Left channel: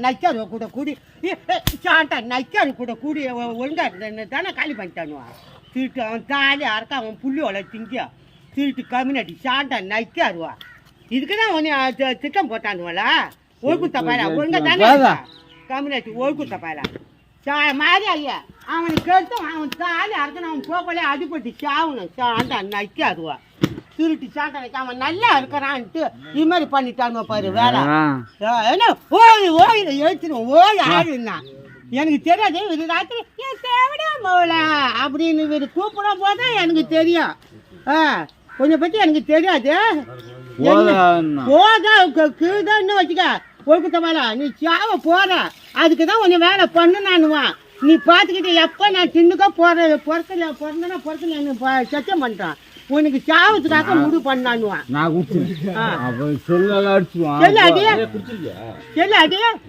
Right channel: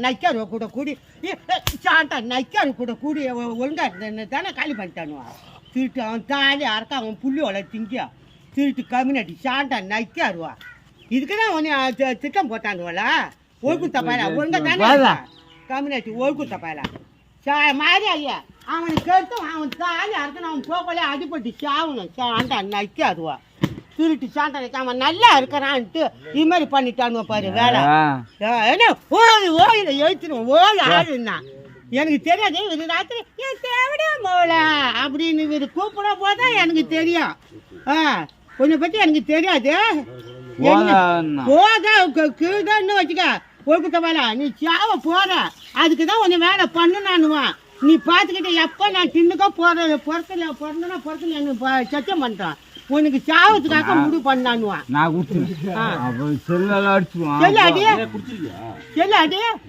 நைக்காரு கூட கூடி சாண்டா நைக்காரு கூட கூடி ஒழுங்கா தானே காலி பண்ணிட்டானுவான் திருட்டு அவன் தாலி அறக்க அவன் புள்ளி வள திங்கியா திருட்டு கம்யூனிட்டி சாண்டா நைக்காருவா இதுக்குதான் உன்னை திட்டம் போட்டானுவல ஒழுக்கு தப்பாயில ஒழுங்கா தானே கம்யூனிட்டி ஒழுக்கு தப்பாயில மாறி ஐயா அவனுக்கு கருத்தும் அவன் தாலி அறக்கணும் அவன் போகலே அடிப்பட்டு சாவணும் சாண்டா நைக்காருவா திருட்டு சாண்டா அவன் நல்லா இருக்கிறான்ட்டு இது மாதிரி பண்ணிட்டானுவ பாரு வேலை என்ன ஓயில எழுத்துருவோம் ஓய் ஆளுன்னா எனக்கு தெரியாது இது ராத்திரி தேவையா போகல அப்படின்னு இவர் கூப்பிடும் போது எனக்கு தெரியும் கொஞ்சம் பற்றி எனக்கு தெரியாது போதா கீழ்தான் வச்சுக்க ஒழுக்கத்தவால நீ சாவ போற அதுக்கு தான் கொஞ்சம் வேலை பண்ணுனானுவான் நீ பார்த்துக்கிட்டு எப்போ நான் தின்னுக்கோ பிறந்தனா எனக்கு சத்தியம் பண்ணிட்டான் உனக்கு சாவத்துக்காக முடிவு பண்ணானுவான் நான் குடிச்சிருக்கேன் செல்ல அடிச்சுவான் செல்ல அடியா